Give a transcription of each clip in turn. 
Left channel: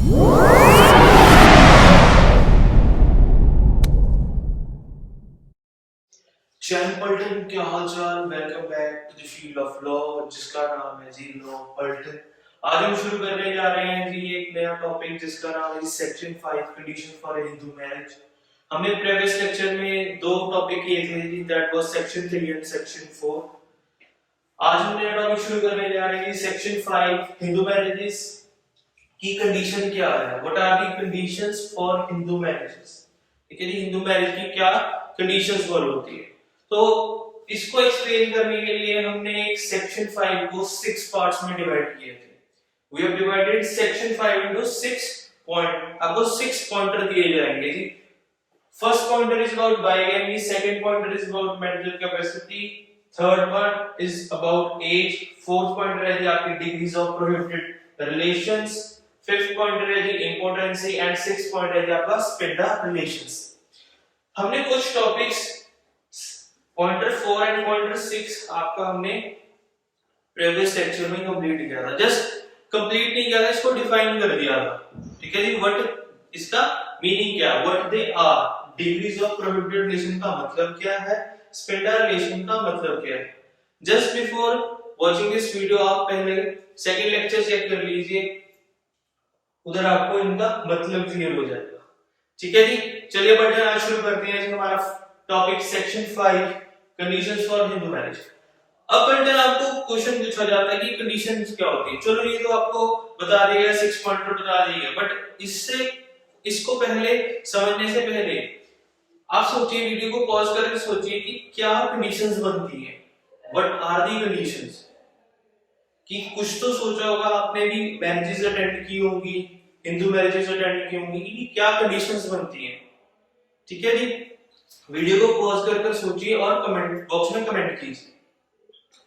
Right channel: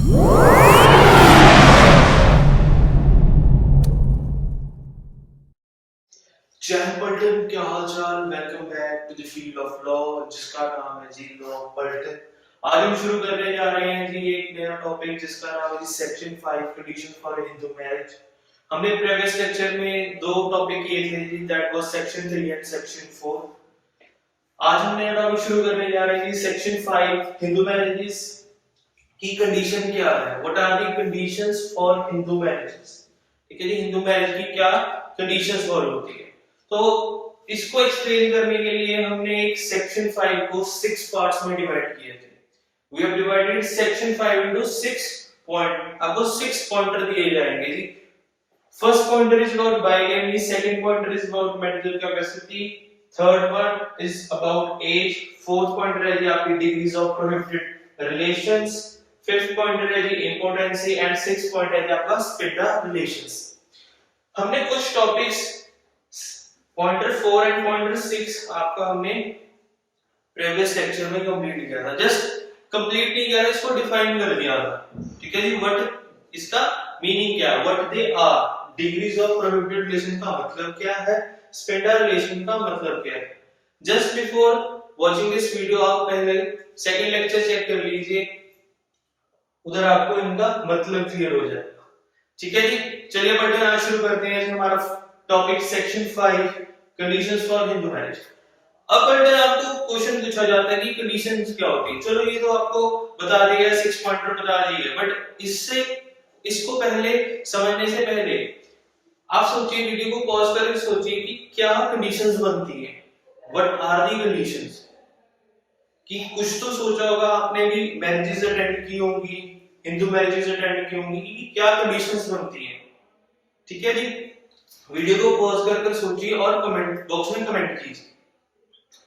जय पलटन, क्या हाल चाल। Welcome back to the field of law, जिसका नाम है जी लॉ पलटन। आज हम शुरू करने जा रहे हैं जी एक नया टॉपिक जिसका नाम है जी section 5 condition for Hindu marriage. हमने प्रीवियस लेक्चर में दो टॉपिक किए थे जी, that was section 3 and section 4। आज हम नया टॉपिक शुरू करने जा रहे हैं जी सेक्शन 5 हिंदू मैरिजेस की कंडीशन क्या है, what are the conditions for Hindu marriages. ठीक है जी, हिंदू मैरिज की क्या कंडीशंस फॉलो होती है। तो इसको एक्सप्लेन करने के लिए हमने एक सेक्शन 5 को 6 पार्ट्स में डिवाइड किए थे। We have divided section 5 into 6 point. आपको 6 पॉइंटर दिए जाएंगे जी। First pointer is about bigamy, second pointer is about mental capacity, third point is about age, fourth pointer है जी आपकी degrees of prohibited relations, fifth pointer है जी impotency and sixth point है जी आपका स्पिंडा रिलेशंस। हमने कुछ टॉपिक्स पॉइंटर 4 एंड पॉइंटर 6 आपका हमने प्रीवियस लेक्चर में कंप्लीट किया था। जस्ट कंप्लीट नहीं किया था, इसको डिफाइन कर दिया था। ठीक है जी, व्हाट इसका मीनिंग क्या है, what they are, degrees of prohibited relation का मतलब क्या है, स्पेंडर रिलेशन का मतलब क्या है। Just before watching this video आप पहले सेकंड लेक्चर चेक कर लीजिए, उधर आपको इनका मतलब क्लियर हो जाएगा। ठीक है जी, चलिए बढ़ते हैं, आज शुरू करते हैं हमारा topic section 5 conditions for Hindu marriage. अब बढ़ते आपको क्वेश्चन पूछा जाता है कि कंडीशंस क्या होती है। चलो ये तो आपको बता दिया, 6 पॉइंटर बता दिए, बट इसको पहले समझने से पहले आप सोचिए, वीडियो को पॉज करके सोचिए कि क्या कंडीशंस बनती हैं, व्हाट आर दी कंडीशंस। कि कुछ तो सोचा होगा आपने भी, मैरिजेस अटेंड की होंगी, हिंदू मैरिजेस अटेंड की होंगी, कि क्या कंडीशंस बनती हैं। ठीक है जी, वीडियो को पॉज कर सोचिए और कमेंट बॉक्स में कमेंट कीजिए।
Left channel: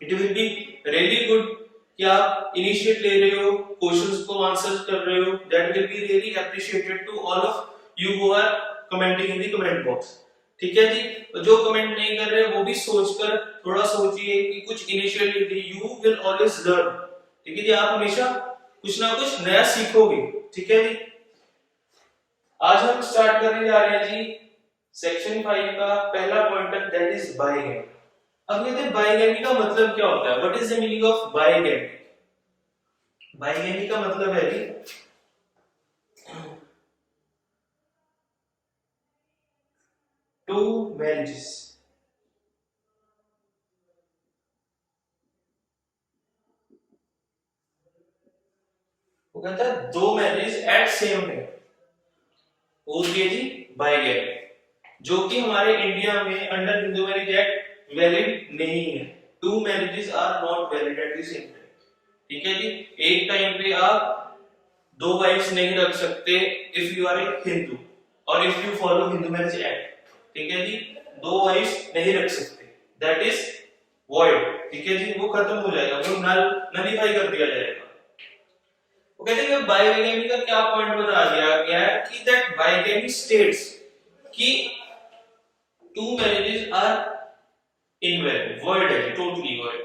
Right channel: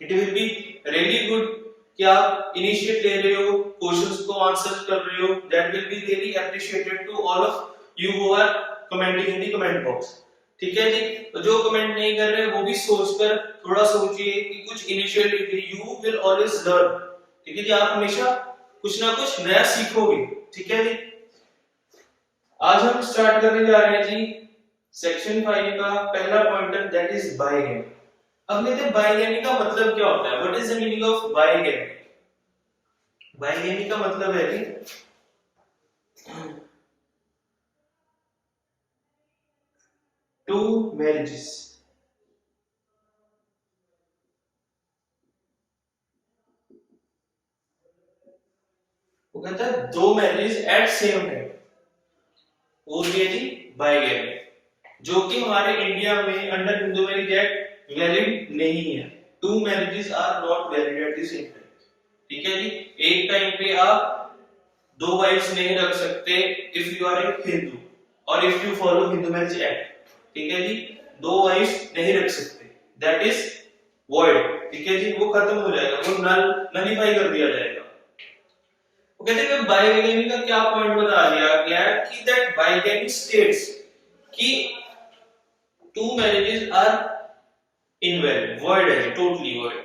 It will be really good कि आप इनिशिएट ले रहे हो, क्वेश्चंस को आंसर कर रहे हो। That will be really appreciated to all of you who are commenting in the comment box. ठीक है जी, तो जो कमेंट नहीं कर रहे वो भी सोचकर थोड़ा सोचिए कि कुछ इनिशिएट लीजिए। You will always learn. ठीक है जी, आप हमेशा कुछ ना कुछ नया सीखोगे। ठीक है जी, आज हम स्टार्ट करने जा रहे हैं जी सेक्शन 5 का पहला पॉइंटर, दैट इज बाइगैमी। अब कहते हैं बाइगैमी का मतलब क्या होता है, what is the meaning of bigamy. Bigamy का मतलब है कि टू मैरिजेस। वो कहता है दो मैरिज एट सेम टाइम, वो ये थी बाइगैमी, जो कि हमारे इंडिया में under Hindu marriage act valid नहीं है। Two marriages are not valid at the same time. ठीक है जी, एक टाइम पे आप दो वाइफ्स नहीं रख सकते if you R A Hindu और if you follow Hindu marriage act. ठीक है जी, दो वाइफ्स नहीं रख सकते, दैट इज वॉइड। ठीक है जी, वो खत्म हो जाएगा, वो नलिफाई कर दिया जाएगा। वो कहते हैं कि बाइगैमी का क्या पॉइंट बता दिया गया है कि दैट बाइगैमी स्टेट्स कि two marriages are invalid, void है, टोटली वॉइड।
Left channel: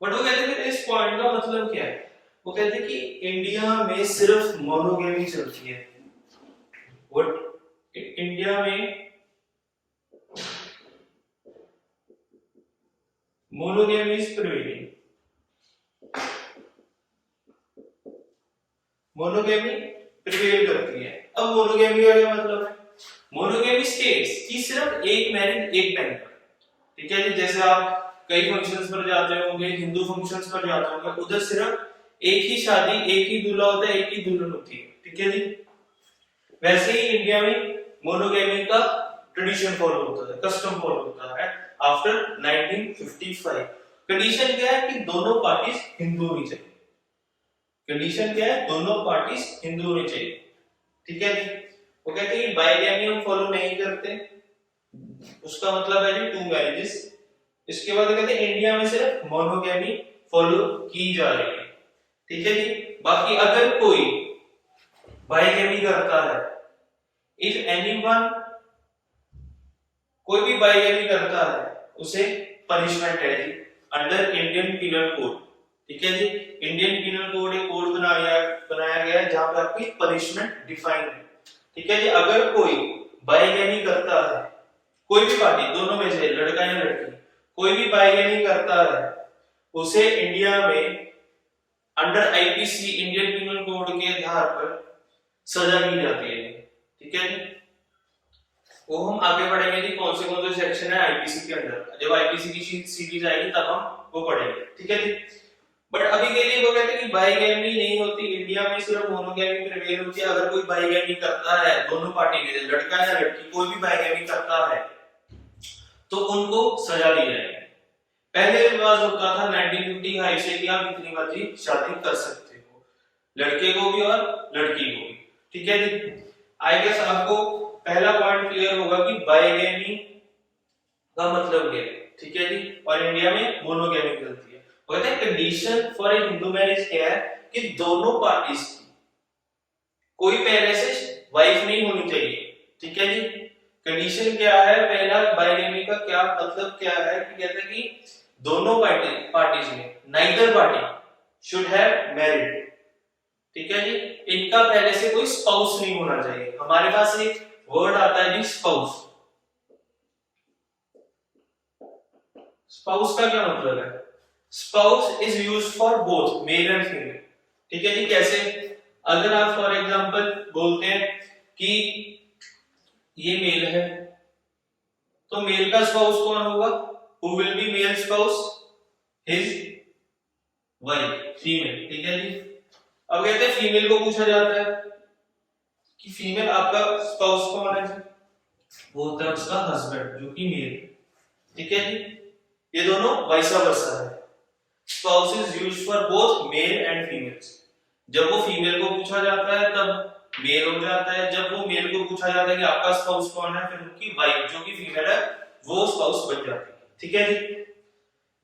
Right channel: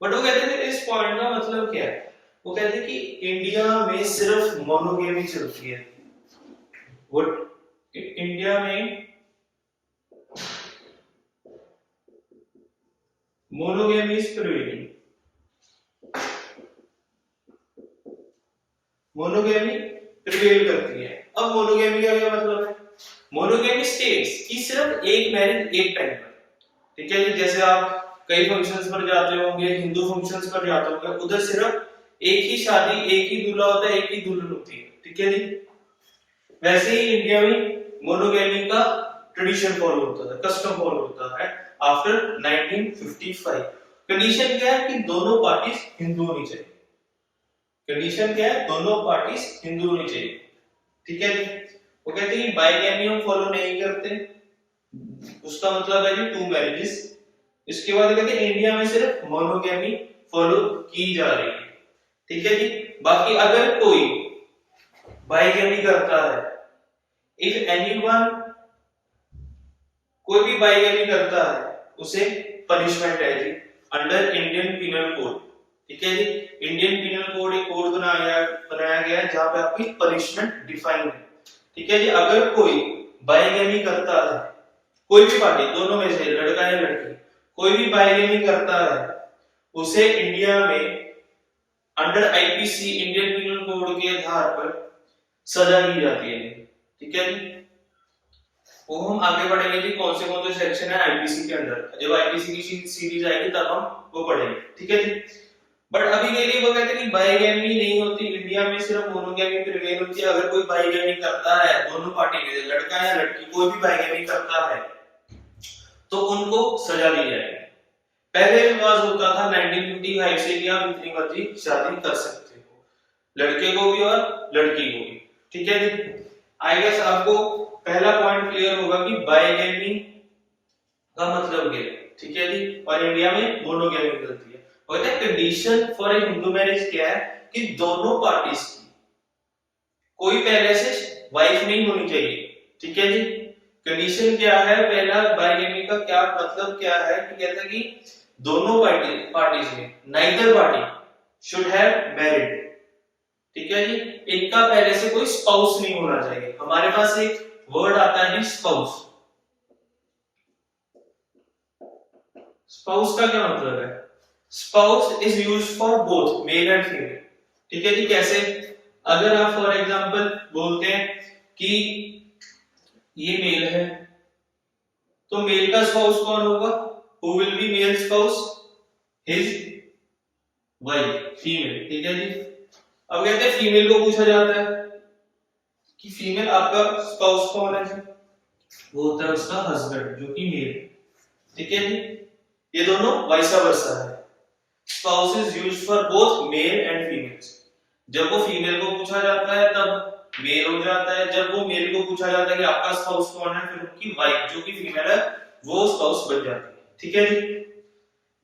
बट वो कहते हैं कि इस पॉइंट का मतलब क्या है। वो कहते हैं कि इंडिया में सिर्फ मोनोगेमी चलती है। व्हाट इंडिया में monogamy is prohibited. Monogamy prevail करती है। अब मोनोगेमी का क्या मतलब है, मोनोगेमी स्टेट्स कि सिर्फ एक मैरिज एक टाइम पर। ठीक है जी, जैसे आप कई फंक्शंस पर जाते होंगे, हिंदू फंक्शंस पर जाते होंगे, उधर सिर्फ एक ही शादी, एक ही दूल्हा होता है, एक ही दुल्हन होती है। ठीक है जी, वैसे ही इंडिया में मोनोगेमी का ट्रेडिशन फॉलो होता है, कस्टम फॉलो होता है आफ्टर 1955। कंडीशन क्या है कि दोनों पार्टीज हिंदू होनी चाहिए। कंडीशन क्या है, दोनों पार्टीज हिंदू होनी चाहिए। ठीक है जी, वो कहते हैं कि बाइगैमी हम फॉलो नहीं करते, उसका मतलब है कि टू मैरिजेस। इसके बाद कहते हैं इंडिया में सिर्फ मोनोगेमी फॉलो की जा रही है। ठीक है जी, बाकी अगर कोई बाइगैमी करता है, इफ एनीवन, कोई भी बाइगैमी करता है, उसे पनिशमेंट है जी अंडर इंडियन पिनल कोड। ठीक है जी। इंडियन पीनल कोड एक कोड बनाया गया है जहां पे आपकी पनिशमेंट डिफाइन है। ठीक है जी। अगर कोई बाइगेमी करता है, कोई भी पार्टी, दोनों में से लड़का या लड़की, कोई भी बाइगेमी करता है, उसे इंडिया में under IPC Indian penal code के आधार पर सजा दी जाती है। ठीक है जी। वो हम आगे बढ़ेंगे जी कौन से सेक्शन है आईपीसी के अंदर, जब आईपीसी की सीरीज आएगी तब हम वो पढ़ेंगे। ठीक है जी। बट अभी के लिए वो कहते हैं कि बाइगेमी नहीं होती इंडिया में, सिर्फ मोनोगेमी प्रिवेल होती है। अगर कोई बाइगेमी करता है, दोनों पार्टी में से लड़का या लड़की कोई भी बाइगेमी करता है तो उनको सजा दी जाएगी। पहले रिवाज होता था 1955 से कि आप इतनी मर्जी शादी कर सकते हो, लड़के को भी और लड़की को भी। ठीक है जी। आई गेस आपको पहला पॉइंट क्लियर होगा कि बाइगेमी का मतलब क्या है। ठीक है जी। और इंडिया में मोनोगेमी चलती है। वो कहते हैं condition for a Hindu marriage क्या है कि दोनों पार्टीज की कोई पहले से वाइफ नहीं होनी चाहिए। ठीक है जी। कंडीशन क्या है, पहला बाइगेमी का क्या मतलब क्या है कि कहते हैं कि दोनों पार्टीज में neither party should have married. ठीक है जी। इनका पहले से कोई स्पाउस नहीं होना चाहिए। हमारे पास एक वर्ड आता है जी स्पाउस। स्पाउस का क्या मतलब है? Spouse is used for both male and female. ठीक है जी। कैसे? अगर आप फॉर एग्जांपल बोलते हैं कि ये मेल है तो मेल का स्पाउस कौन होगा? Who will be male spouse? His wife, female. ठीक है जी। अब कहते हैं फीमेल को पूछा जाता है कि फीमेल आपका स्पाउस कौन है जी? वो होता है उसका हस्बैंड जो कि मेल। ठीक है जी। ये दोनों वाइसा वर्सा है। Spouse is used for both male and females. जब वो फीमेल को पूछा जाता है तब मेल हो जाता है, जब वो मेल को पूछा जाता है कि आपका स्पाउस कौन है, फिर उनकी वाइफ जो कि फीमेल है वो स्पाउस बन जाती है। ठीक है जी।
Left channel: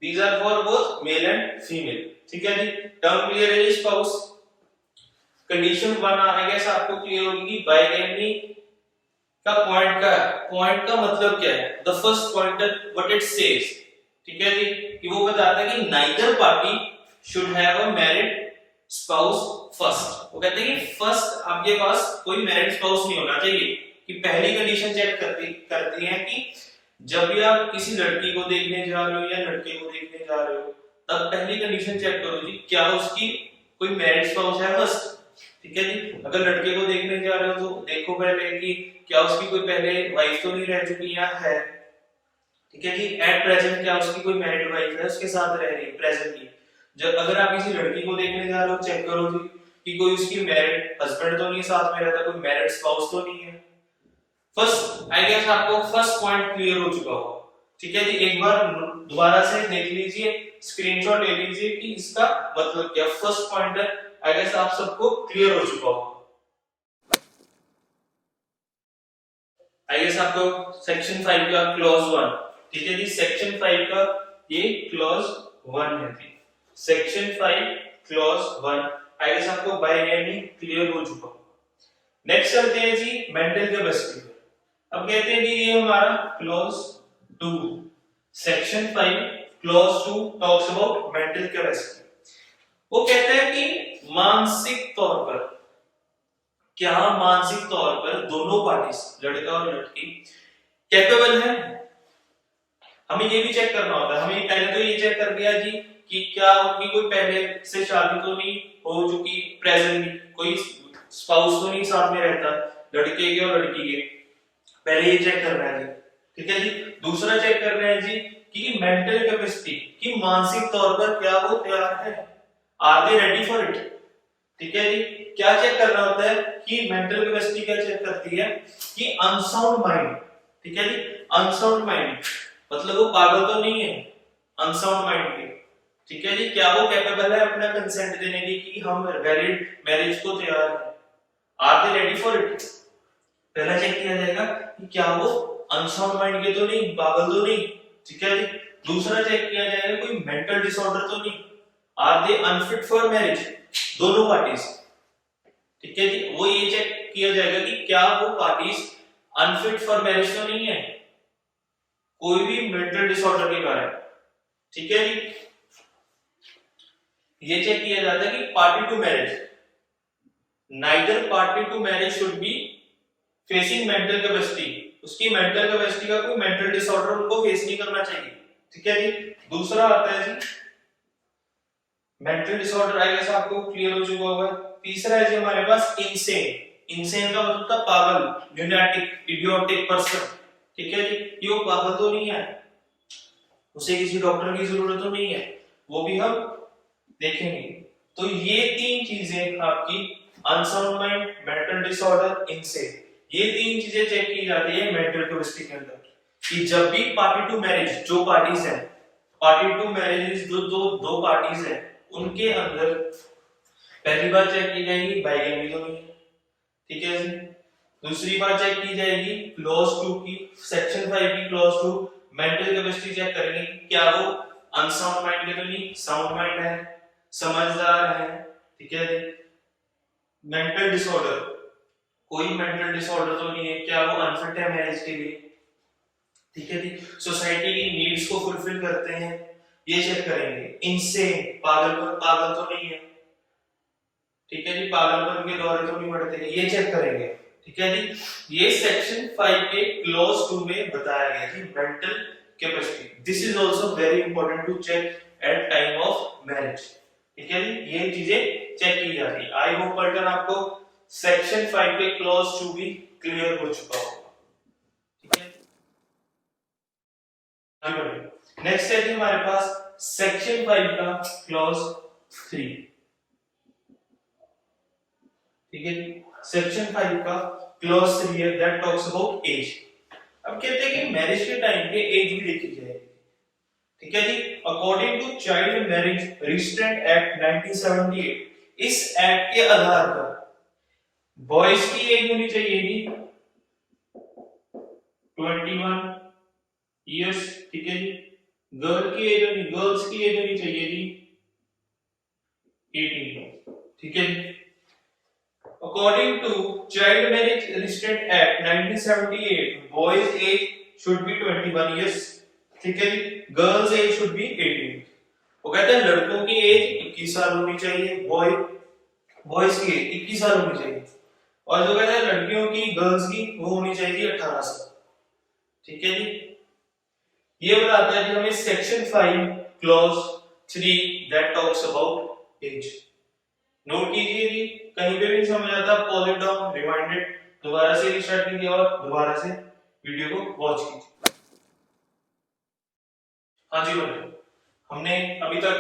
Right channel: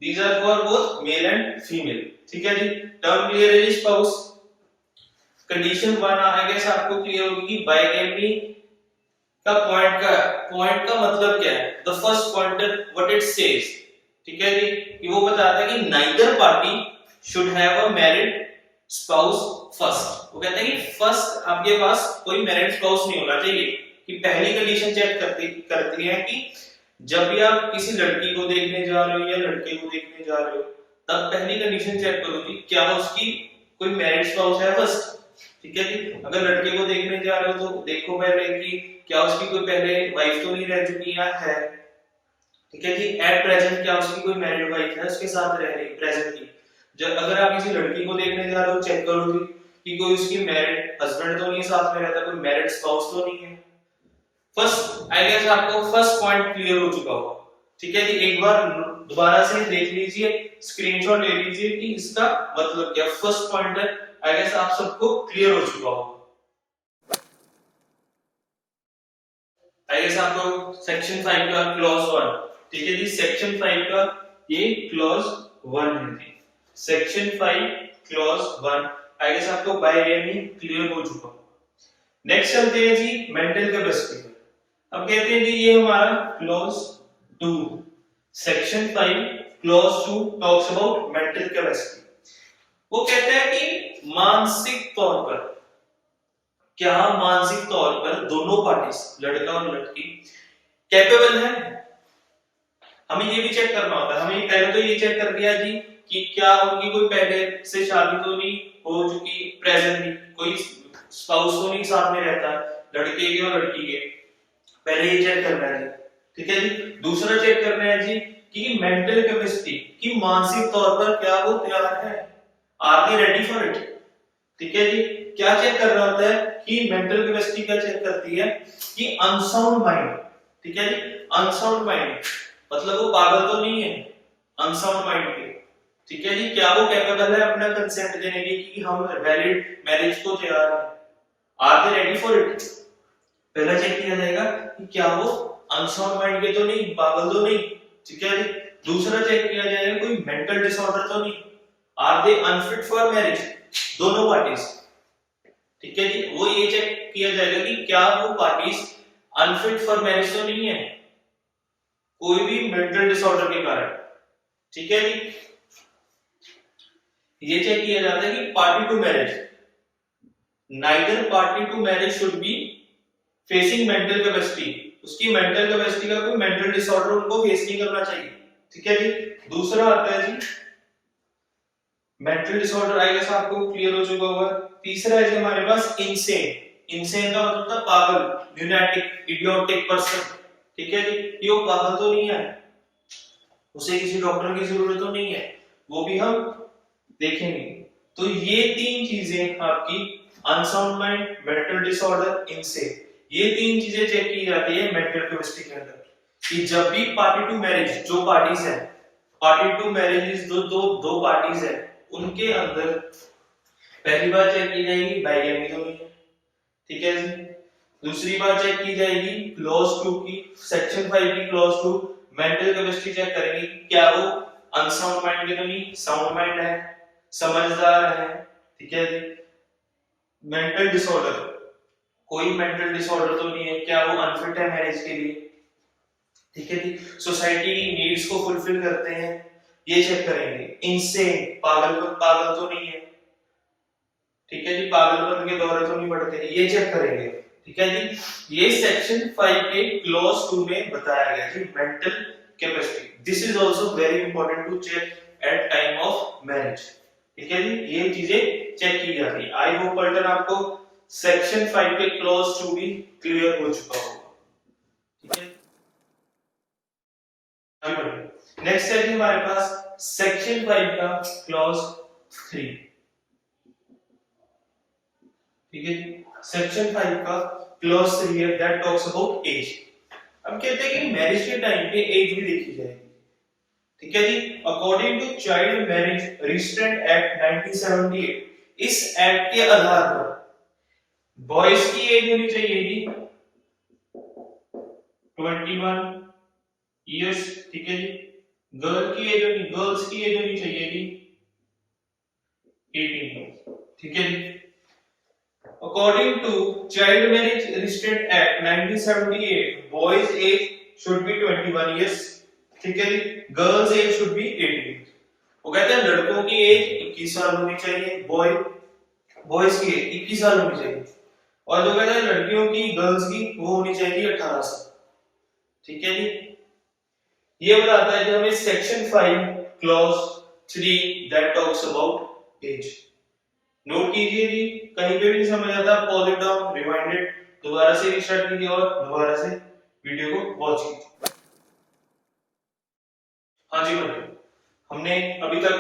These are for both male and female. ठीक है जी। टर्म क्लियर है जी। स्पाउस कंडीशन 1 आई गेस आपको क्लियर होगी कि बाइगेमी का पॉइंट का मतलब क्या है। The first pointer what it says. ठीक है जी। कि वो बताता है कि neither party should have a married spouse first. वो कहते हैं कि फर्स्ट आपके पास कोई मैरिड स्पाउस नहीं होना चाहिए। कि पहली कंडीशन चेक करती है कि जब भी आप किसी लड़की को देखने जा रहे हो या लड़के को देखने जा रहे हो तब पहली कंडीशन चेक करो जी क्या उसकी कोई मैरिड स्पाउस है फर्स्ट। ठीक है जी। अगर लड़के को देखने जा रहे हो तो देखो पहले कि क्या उसकी कोई पहले वाइफ तो नहीं रह चुकी या है। ठीक है जी। एट प्रेजेंट क्या उसकी कोई मैरिड वाइफ है उसके साथ रह रही प्रेजेंटली। जब अगर आप किसी लड़की को देखने जा रहे हो चेक करो जी कि कोई उसकी मैरिड हस्बैंड तो नहीं साथ में रहता, कोई मैरिड स्पाउस तो नहीं है। फर्स्ट आई गेस आपको फर्स्ट पॉइंट क्लियर हो चुका होगा। ठीक है जी। एक बार दोबारा से देख लीजिए, स्क्रीनशॉट ले लीजिए कि इसका मतलब क्या। फर्स्ट पॉइंट है आई गेस आप सबको क्लियर हो चुका होगा। आई गेस आपको सेक्शन 5 का क्लॉज 1। ठीक है जी। सेक्शन 5 का ये क्लॉज 1 है जी। सेक्शन 5 क्लॉज 1 आई गेस आपको बाइगेमी क्लियर हो चुका होगा। नेक्स्ट चलते हैं जी मेंटल कैपेसिटी पर। अब कहते हैं जी ये हमारा clause 2 section 5 clause 2 talks about mental capacity. वो कहता है कि मानसिक तौर पर क्या मानसिक तौर पर दोनों पार्टीज लड़का और लड़की कैपेबल है। हमें ये भी चेक करना होता है। हमें पहले तो ये चेक कर दिया जी कि क्या उनकी कोई पहले से शादी तो नहीं हो चुकी, प्रेजेंट में कोई स्पाउस तो नहीं साथ में रहता लड़के के और लड़की के, पहले ये चेक करना है जी। ठीक है जी। दूसरा चेक करना है जी कि मेंटल कैपेसिटी कि मानसिक तौर पर क्या वो तैयार है, are they ready for it. ठीक है जी। क्या चेक करना होता है कि मेंटल कैपेसिटी क्या चेक करती है कि अनसाउंड माइंड। ठीक है जी। अनसाउंड माइंड मतलब वो पागल तो नहीं है अनसाउंड माइंड के। ठीक है जी। क्या वो कैपेबल है अपना कंसेंट देने की कि हम वैलिड मैरिज को तैयार हैं, are they ready for it. पहला चेक किया जाएगा कि क्या वो अनसाउंड माइंड के तो नहीं, पागल तो नहीं। ठीक है जी। दूसरा चेक किया जाएगा कोई मेंटल डिसऑर्डर तो नहीं, are they unfit for marriage, दोनों पार्टीज। ठीक है जी। वो ये चेक किया जाएगा कि क्या वो पार्टीज अनफिट फॉर मैरिज तो नहीं है कोई भी मेंटल डिसऑर्डर के कारण। ठीक है जी। ये चेक किया जाता है कि party to marriage, neither party to marriage should be facing mental capacity, उसकी मेंटल कैपेसिटी का कोई मेंटल डिसऑर्डर उनको फेस नहीं करना चाहिए। ठीक है जी। दूसरा आता है जी मेंटल डिसऑर्डर, आई गेस आपको क्लियर हो चुका होगा। तीसरा है जी हमारे पास इंसेन, इंसेन का मतलब होता है पागल, ल्यूनेटिक, इडियोटिक पर्सन। ठीक है जी। ये वो पागल तो नहीं है, उसे किसी डॉक्टर की जरूरत तो नहीं है, वो भी हम देखेंगे। तो ये तीन चीजें आपकी unsound mind, mental disorder, insane, ये तीन चीजें चेक की जाती है मेंटल कैपेसिटी के अंदर कि जब भी पार्टी टू मैरिज, जो पार्टीज हैं, पार्टी टू मैरिज जो दो पार्टीज हैं उनके अंदर पहली बात चेक की जाएगी बाइगेमी तो नहीं है। ठीक है जी। दूसरी बात चेक की जाएगी क्लॉज 2 की, सेक्शन 5 की क्लॉज 2, मेंटल कैपेसिटी चेक करेंगे कि क्या वो अनसाउंड माइंड है नहीं, साउंड माइंड है, समझदार है। ठीक है जी। मेंटल डिसऑर्डर, कोई मेंटल डिसऑर्डर तो नहीं है, क्या वो अनफिट है मैरिज के लिए। ठीक है जी। सोसाइटी की नीड्स को फुलफिल करते हैं, ये चेक करेंगे। इनसे पागल तो नहीं है। ठीक है जी। पागलपन के दौरे तो नहीं पड़ते, ये चेक करेंगे। ठीक है जी। ये सेक्शन 5 के क्लॉज 2 में बताया गया जी mental capacity. This is also very important to check at time of marriage. ठीक है जी। ये चीजें चेक की जाती है। आई होप पल्टन आपको सेक्शन 5 के क्लॉज 2 भी क्लियर हो चुका होगा। ठीक है। आगे बढ़िए। नेक्स्ट है जी हमारे पास सेक्शन 5 का क्लॉज 3। ठीक है जी। सेक्शन 5 का क्लॉज 3 है दैट टॉक्स अबाउट एज। अब कहते हैं कि मैरिज के टाइम पे एज भी देखी जाएगी। ठीक है जी। According to child marriage restraint act 1978, इस एक्ट के आधार पर बॉयज की एज होनी चाहिए जी 21 इयर्स। ठीक है जी। गर्ल्स की एज होनी चाहिए जी 18 इयर्स। ठीक है जी। According to Child Marriage Restraint Act 1978, boys' age should be 21 years. ठीक है, गर्ल्स एज शुड बी 18। वो कहते हैं लड़कों की एज 21 साल होनी चाहिए, बॉयज की एज 21 साल होनी चाहिए, और जो कहते हैं लड़कियों की, गर्ल्स की, वो होनी चाहिए 18 साल। ठीक है जी। ये बताता है जो हमें section 5 clause 3 that talks about age. Note कीजिए जी, कहीं पे भी समझ आता है pause it down, rewind it, दोबारा से रिस्टार्ट कीजिए और दोबारा से वीडियो को वॉच कीजिए। हाँ जी बेटा, हमने अभी तक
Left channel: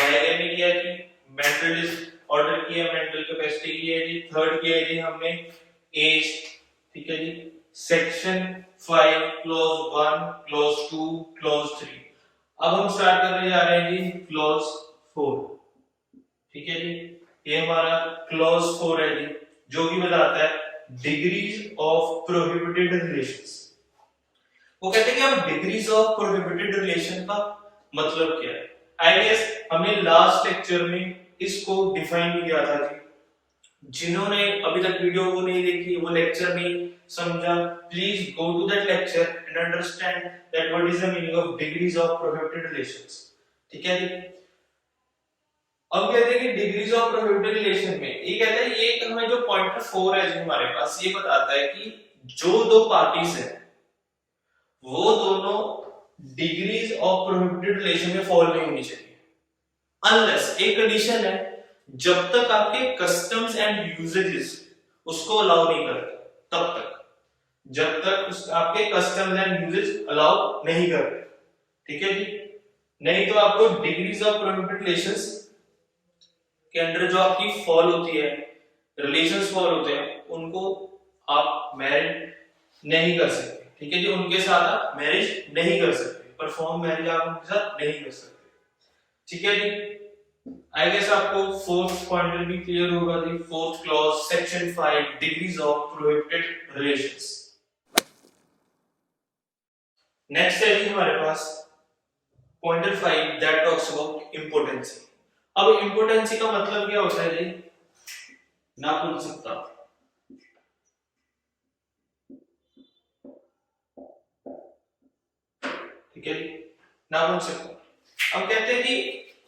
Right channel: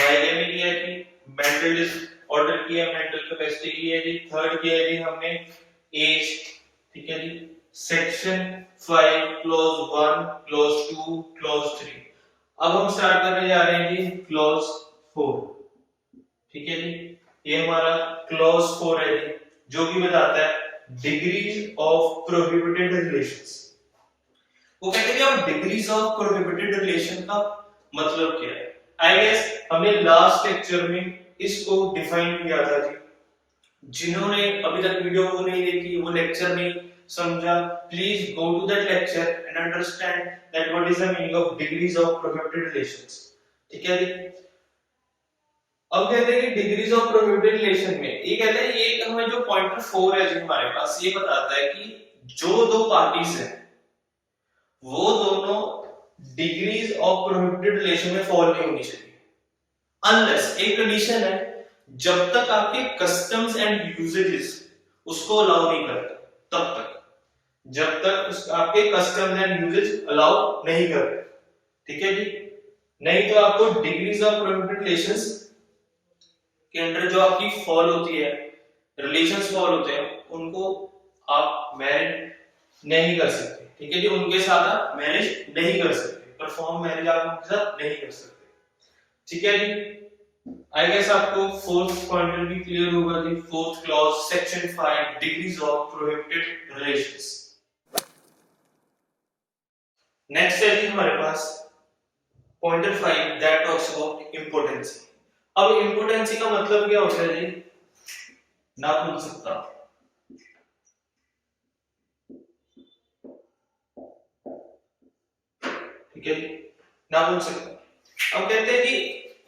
बाइगेमी किया जी, मेंटल डिसऑर्डर किया, मेंटल कैपेसिटी की है जी, थर्ड किया है जी हमने एज। ठीक है जी। Section 5 clause 1, clause 2, clause 3। अब हम स्टार्ट करने जा रहे हैं जी क्लॉज 4। ठीक है जी। ये हमारा क्लॉज 4 है जी, जो कि बताता है डिग्रीज ऑफ प्रोहिबिटेड रिलेशंस। वो कहते हैं कि हम डिग्रीज ऑफ प्रोहिबिटेड रिलेशन का मतलब क्या है। आई गेस हमने लास्ट लेक्चर में इसको डिफाइन किया था जी। जिन्होंने अभी तक वीडियो को नहीं देखी, वो लेक्चर नहीं समझा, please go to that lecture and understand that what is the meaning of degrees of prohibited relations. ठीक है जी। अब कहते हैं कि डिग्रीज ऑफ प्रोहिबिटेड रिलेशन में ये कहता है, ये हमें जो पॉइंटर 4 है जी हमारे पास, ये बताता है कि जो दो पार्टीज हैं वो दोनों डिग्रीज ऑफ प्रोहिबिटेड रिलेशन में फॉल नहीं होनी चाहिए, अनलेस एक कंडीशन है, जब तक आपके कस्टम्स एंड यूजेजेस उसको अलाउ नहीं करते तब तक, जब तक आपके कस्टम्स एंड यूजेज अलाउ नहीं करते। ठीक है जी। नहीं तो आपको डिग्रीज ऑफ प्रोहिबिटेड रिलेशंस के अंदर जो आपकी फॉल होती है, रिलेशंस फॉल होते हैं, उनको आप मैरिज नहीं कर सकते। ठीक है जी। उनके साथ आप मैरिज नहीं कर सकते, परफॉर्म मैरिज आप उनके साथ नहीं कर सकते। ठीक है जी। आई गेस आपको फोर्थ पॉइंटर भी क्लियर होगा जी। Fourth clause section 5 degrees of prohibited relations. Next है जी हमारे पास pointer 5 that talks about impotency. अब इंपोर्टेंसी का मतलब क्या होता है जी, नापुंसकता। ठीक है जी। नापुंसकता। अब कहते हैं जी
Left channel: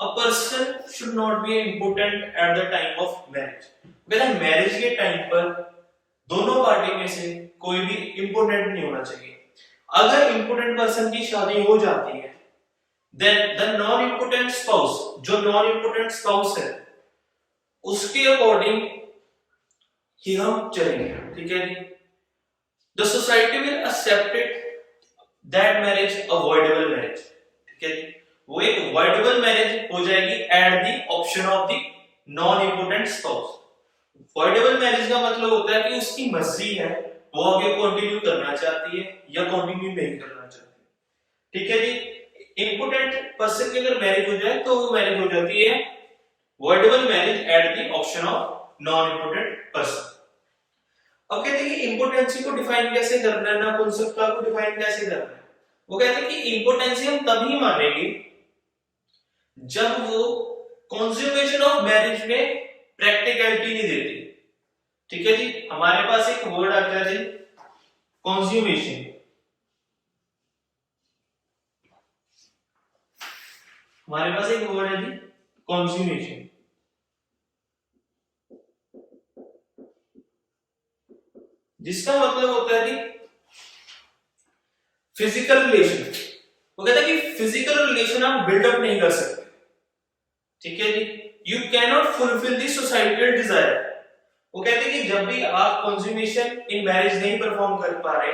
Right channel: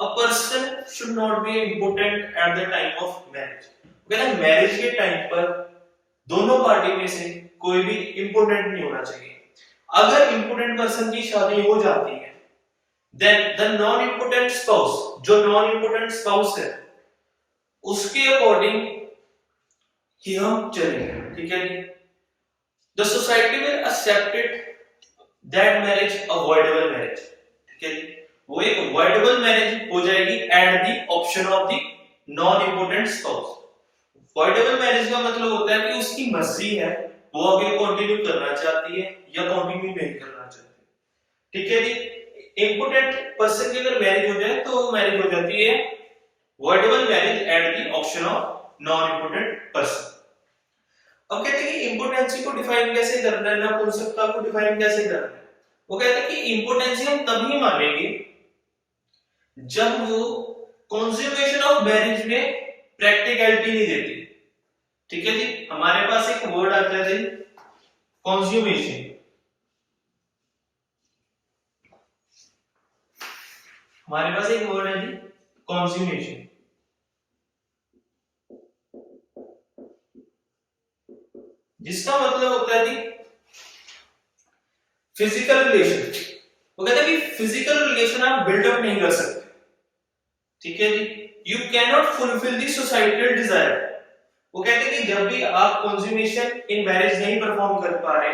a person should not be important at the time of marriage. कहते हैं मैरिज के टाइम पर दोनों पार्टी में से कोई भी इंपोर्टेंट नहीं होना चाहिए. अगर इंपोर्टेंट पर्सन की शादी हो जाती है, then the non important spouse, जो नॉन इंपोर्टेंट स्पाउस है, उसके अकॉर्डिंग ही हम चलेंगे. ठीक है जी. The society will accept it that marriage avoidable marriage. ठीक है जी. वो एक अवॉइडेबल मैरिज हो जाएगी at the option of the non impotent spouse. Avoidable marriage का मतलब होता है कि उसकी मर्जी है, वो आगे कंटिन्यू करना चाहती है या कंटिन्यू नहीं करना चाहती. ठीक है जी. इंपोर्टेंट पर्सन की अगर मैरिज हो जाए तो मैरिज हो जाती है avoidable marriage at the option of non important person. अब कहते हैं कि इंपोर्टेंसी को डिफाइन कैसे करना है, नपुंसकता को डिफाइन कैसे करना है. वो कहते हैं कि इंपोर्टेंसी हम तभी मानेंगे जब वो कंज्यूमेशन ऑफ मैरिज में प्रैक्टिकलिटी नहीं देती. ठीक है जी. हमारे पास एक वर्ड आ गया जी, कंज्यूमेशन. हमारे पास एक वर्ड है जी, कंज्यूमेशन. जिसका मतलब होता है जी फिजिकल रिलेशन. वो कहता है कि फिजिकल रिलेशन आप बिल्डअप नहीं कर सकते. ठीक है जी. You can not fulfil the societal desire. वो कहते हैं कि जब भी आप कंज्यूमेशन इन मैरिज नहीं परफॉर्म कर पा रहे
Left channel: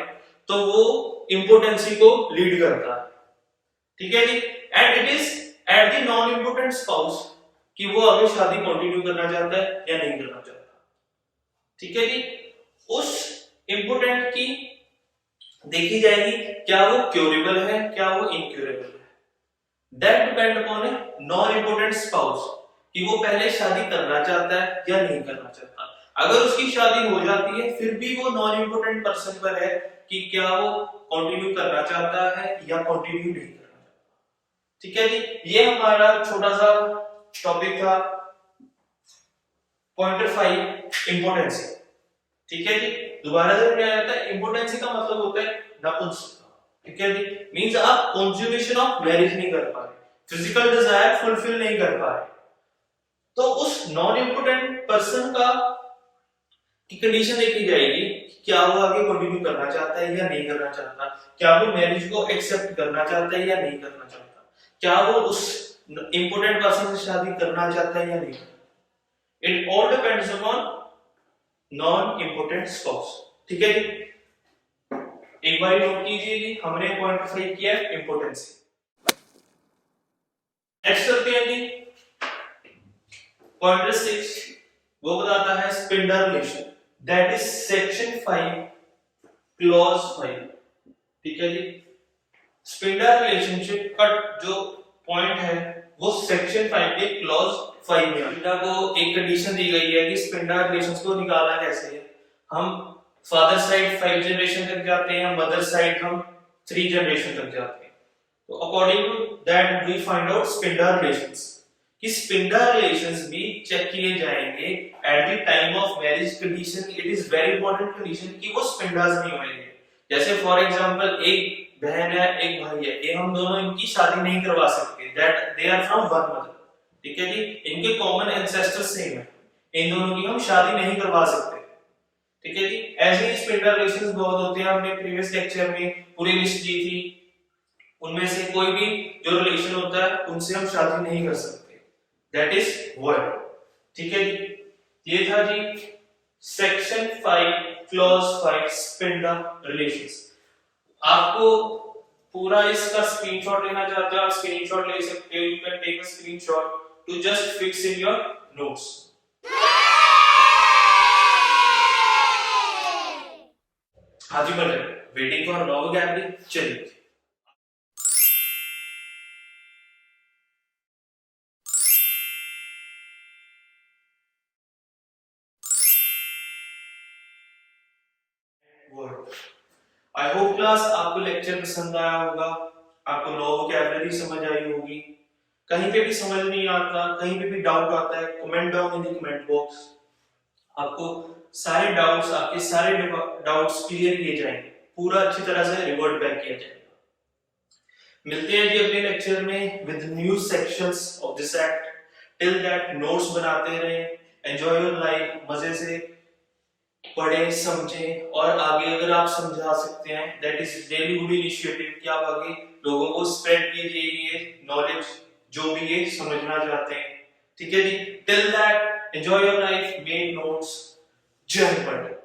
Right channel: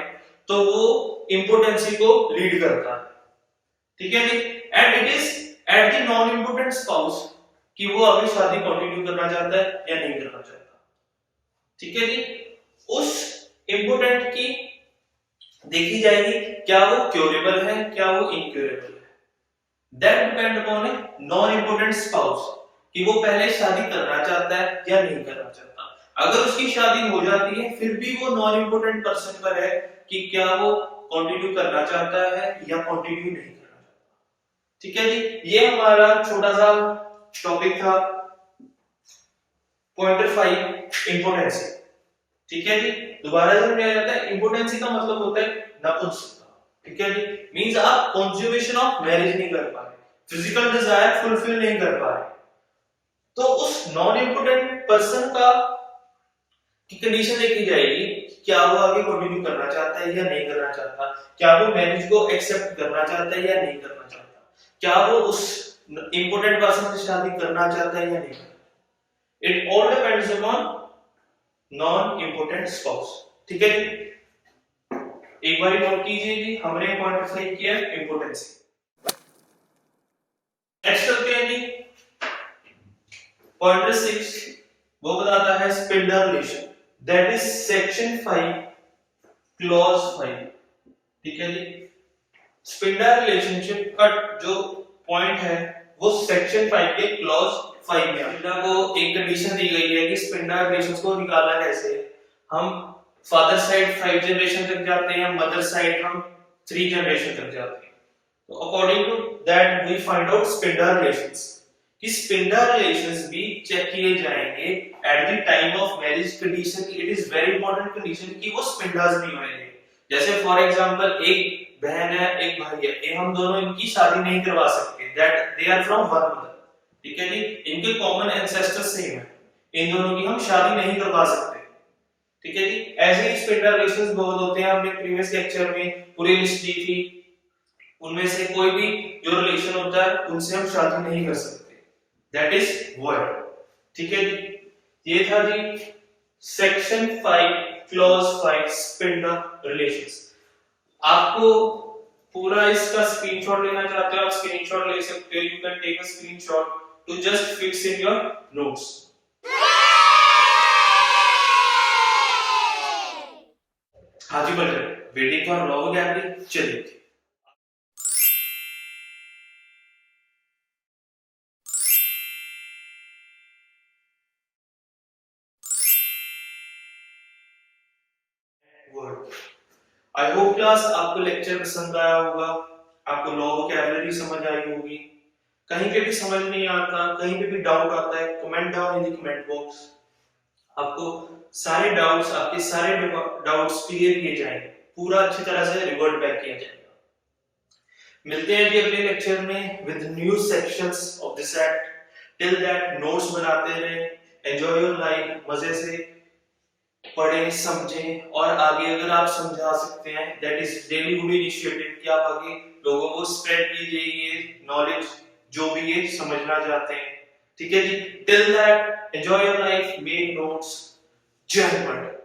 तो वो इंपोर्टेंसी को लीड करता है. ठीक है जी. And it is at the non impotent spouse कि वो आगे शादी कंटिन्यू करना चाहता है या नहीं करना चाहता. ठीक है जी. उस इंपोर्टेंट की देखी जाएगी क्या वो क्यूरेबल है, क्या वो इनक्यूरेबल है. That depend upon a non impotent spouse कि वो पहले शादी करना चाहता है या नहीं करना चाहता. अगर उसकी शादी हो जाती है फिर भी वो नॉन इंपोर्टेंट पर्सन पर है कि क्या वो कंटिन्यू करना चाहता है या कंटिन्यू नहीं करना चाहता. ठीक है जी. ये हमारा छोटा सा टॉपिक था पॉइंट 5 इंपोर्टेंसी. ठीक है जी. दोबारा जब मैं आता है इंपोर्टेंसी का मतलब होता है नपुंसकता. ठीक है जी. मींस आप कंज्यूमेशन ऑफ मैरिज नहीं कर पा रहे, फिजिकल डिजायर फुलफिल नहीं कर पा रहे, तो उस नॉन इंपोर्टेंट पर्सन का की कंडीशन देखी जाएगी क्या वो आगे कंटिन्यू करना चाहता है या नहीं करना चाहता, क्या वो मैरिज को एक्सेप्ट करना चाहता है या नहीं करना चाहता, क्या वो उस इंपोर्टेंट पर्सन से शादी करना चाहता है या नहीं. It all depends upon non impotent spouse. ठीक है जी. एक बार नोट कीजिए जी, हमने पॉइंट 5 किया इंपोर्टेंसी. नेक्स्ट करते हैं जी पॉइंट 6. वो बताता है spindle relation, that is section 5 clause 5. ठीक है जी. स्पिंडल रिलेशनशिप का जो पॉइंट है वो सेक्शन 5 के क्लॉज 5 में स्पिंडा को एक कंडीशन दी गई है कि स्पिंडा रिलेशंस को निकालना कैसे. हम फादर साइड 5 जनरेशन तक जाते हैं, मदर साइड हम 3 जनरेशन तक जाते हैं. तो according to that we find out sapinda relations कि स्पिंडा रिलेशंस भी चेक किए जाएंगे at the time of marriage. Condition it is very important condition कि वो स्पिंडास नहीं होने. जैसे फॉर एग्जांपल एक बहन है एक भाई है, ये हम दोनों इनकी शादी नहीं करवा सकते, that they are from one mother. ठीक है जी. इनके कॉमन एंसेस्टर सेम है, इन दोनों की हम शादी नहीं करवा सकते. ठीक है जी. ऐसे ही स्पिंडल रिलेशंस बहुत होते हैं. हमने प्रीवियस लेक्चर में पूरी लिस्ट दी थी, उनमें से कोई भी जो रिलेशन होता है उनसे हम शादी नहीं कर सकते, दैट इज वॉइड. ठीक है जी. ये था जी सेक्शन 5 क्लॉज 5 स्पिंडल रिलेशंस. आपको पूरा इसका स्क्रीनशॉट लेना चाहते हो आप स्क्रीनशॉट ले सकते हो. You can take a screenshot to just fix in your notes. हाँ जी better waiting for long gathering. चलिए वर्ड. आई होप क्लास आपको लेक्चर पसंद आया होगा, आपको लॉ वोकैबुलरी समझ आई होगी. कहीं पे भी समझ नहीं आता, कहीं पे भी डाउट आता है, comment down in the comment box. आपको सारे डाउट्स आपके सारे डाउट्स क्लियर किए जाएंगे, पूरा अच्छी तरह से रिवर्ट बैक किया जाएगा. मिलते हैं जी अगले लेक्चर में with new sections of this act. Till that notes बनाते रहें, एंजॉय योर लाइफ, मजे से पढ़ें समझें, और आगे अगर आप समझा सकते हैं that is really good initiative कि आप आगे लोगों को स्प्रेड कीजिए ये नॉलेज जो भी ये समझना चाहते हैं। ठीक है जी, till that enjoy your life, make notes. जय हिंद।